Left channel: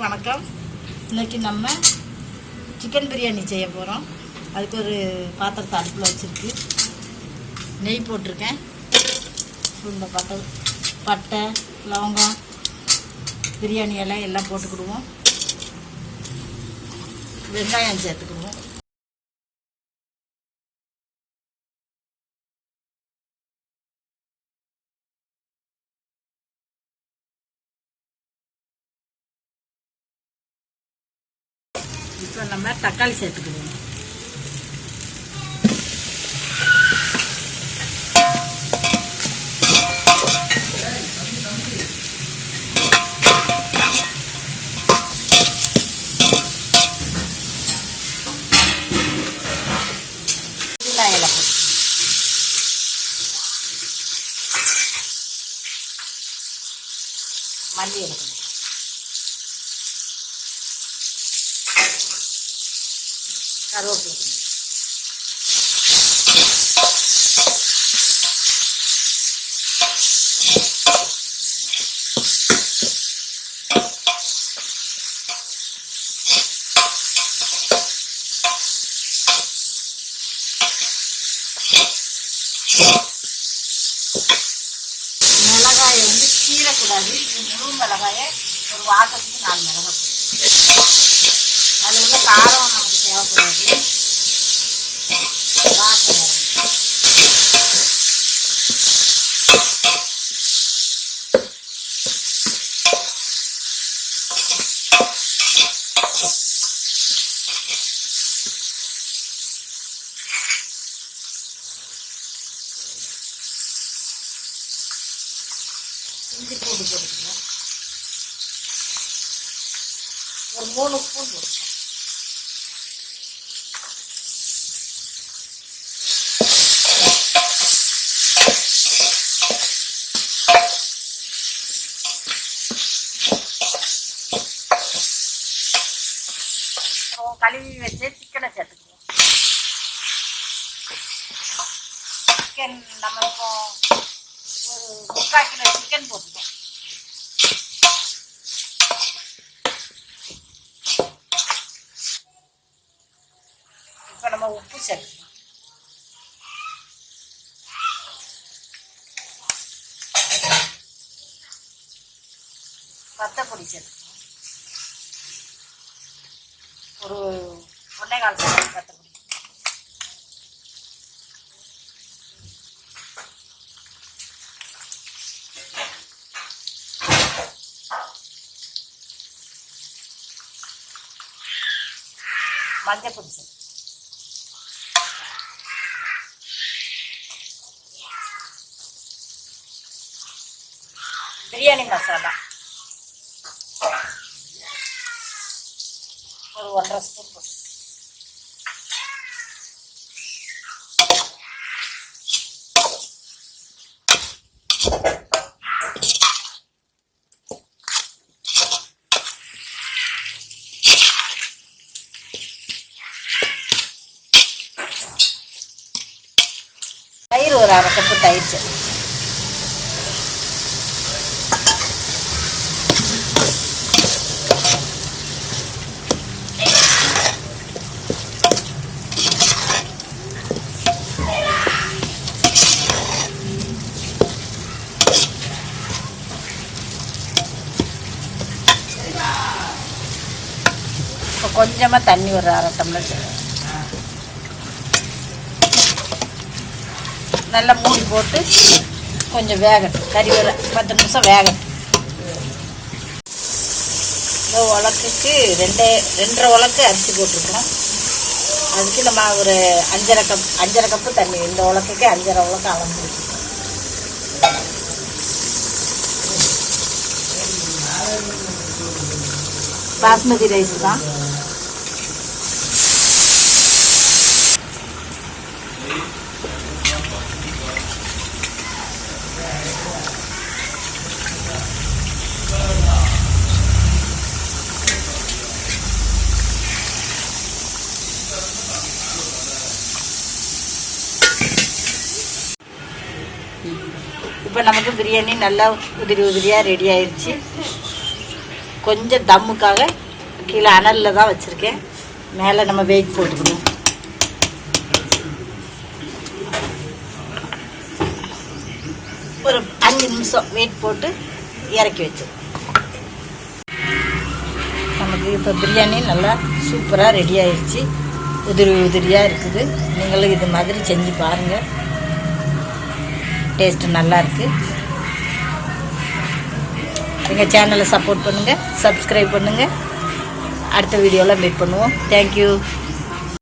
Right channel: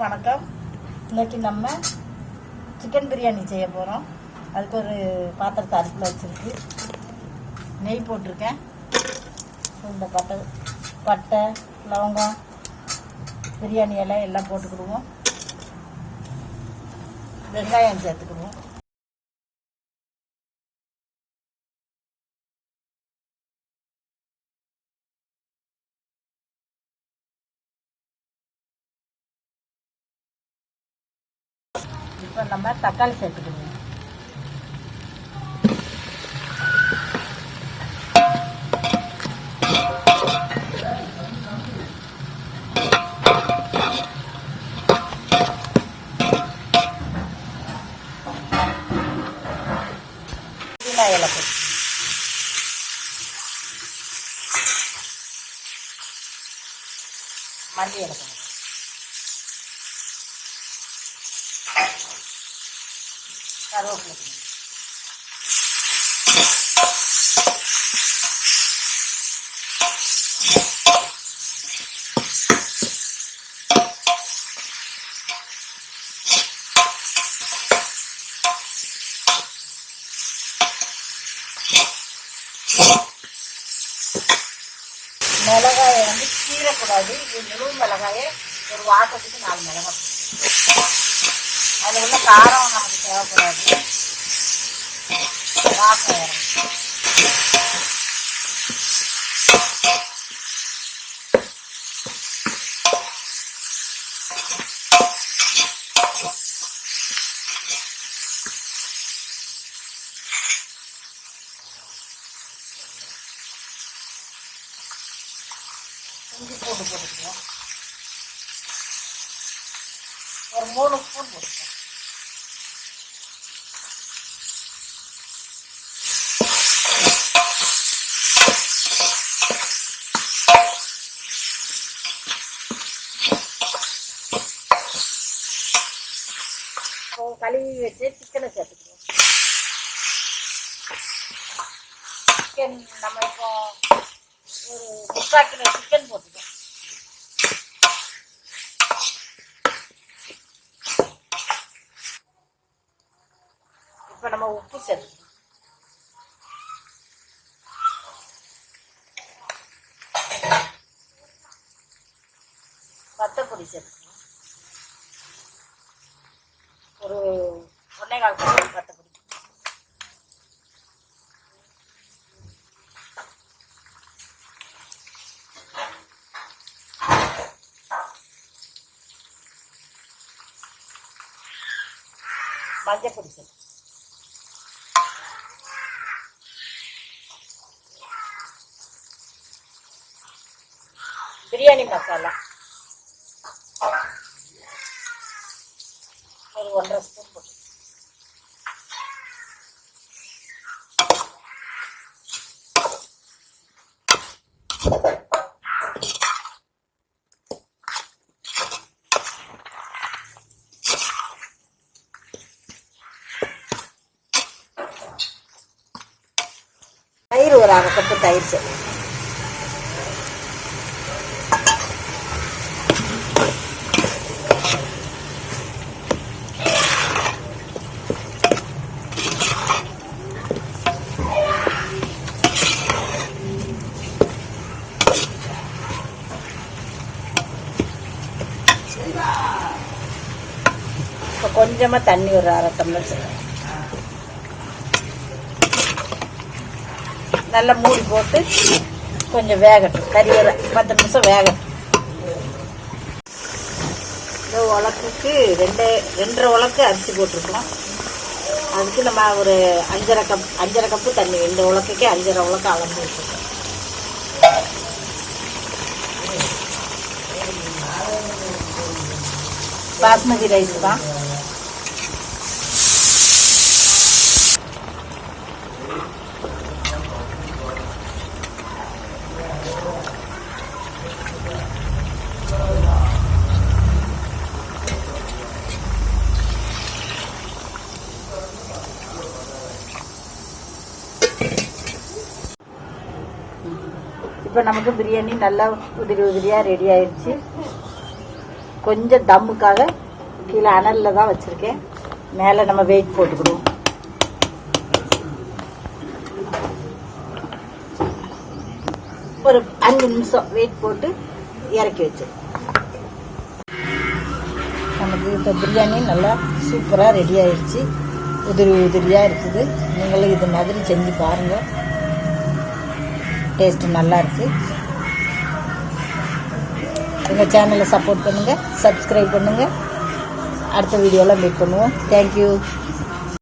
எல்லாருக்கும் வணக்கம். இன்றைக்கி நம்ம சிக்கன் பிரியாணி செய்ய போகிறோம் அதுக்கு ஒரு பாத்திரத்தை அடுப்பில் வச்சுருக்கு. நெய் போட்டிருக்கேன். இந்த பட்டை பட்டை லவங்கம் பிரியாணி எல்லாம் எல்லாம் போட்டுக்கிடுவோம் வெங்காயம் சேர்த்துக்கிடுவோம் இப்போ நம்ம தக்காளி சேர்த்துக்கிடுவோம் புதினா இலை போட்டு மல்லி இலை போட்டு கருவேப்பிலை போட்டு. மிளகாயை வந்து கீறக்கூடாது இது முழு மிளகாயை ஒரு வாட்டத்துக்கு நாலு மிளகாய் அதில் உள்ள காரம் நமக்கு தேவைப்படாது. வாசம் வரும். இஞ்சி பூண்டு போட்டுக்கலாம் ஒரு மூணு ஸ்பூன் போட்டுக்கலாம் இப்போ கழுவி வச்சு சிக்கனை சேர்த்துக்குவோம் சிக்கன் நம்ம இப்போ ஒரு முக்கால் கிலோ சிக்கன் போட்டுக்கோம் இப்போ நம்ம உப்பு சேர்த்துக்கணும். வத்தப்பொடி சேர்த்து ஒரு ஒன்றே கால் ஸ்பூன் வத்தப்பொடி மஞ்சள் பொடி சேர்த்து பிரியாணி மசாலா. ஒரு ஒன்றரை ஸ்பூன் போட்டு தயிர் ஒரு அரை கப்பு தயிர் சேர்த்து கொஞ்சமாக தண்ணி ஒரு அரை டம்ளர் சேர்க்கணும் நல்லா மூடி போட்டு கொஞ்சம் வேகட்டும். கறி ஒரு பத்து நிமிஷம் வேகட்டும். இந்த உலக்குக்கு ரெண்டே ரெண்டரை உலக்கு அரிசி போட்டிருக்கோம். அதுக்கு நம்ம ஒரு அஞ்சரை கப் அஞ்சரை கப்பு தண்ணி இந்த உலக்குக்கு அஞ்சரை உலக்கு அளந்து வச்சுருக்கோம். பாஸ்மதி ரைஸ் தான். இப்போ நமக்கு பிரியாணி நல்லா உதிரி உதிரியாக ரெடி ஆயிடுச்சு கொஞ்சம் தம்முக்காக கீழே அனலில் தான் வச்சுருக்கேன். மேலே நம்ம வெயிட் போட்டுக்கணும். ஒரு அஞ்சு நிமிஷம் வெயிட் போட்டு இறக்கி வச்சு நமக்கு இப்போ பிரியாணி நல்லா சூப்பராக ரெடி ஆயிடுச்சு உதிரி உதிரியாக இருக்குது. நீங்களும் இது மாதிரி செஞ்சு பாருங்கள் டேஸ்ட்டு நல்லா இருக்குது எங்கள் சேனலை சப்போர்ட் பண்ணுங்கள் சப்ஸ்கிரைப் பண்ணுங்கள் அடுத்த வீடியோவில் மீட் பண்ணுவோம். தேங்க்யூ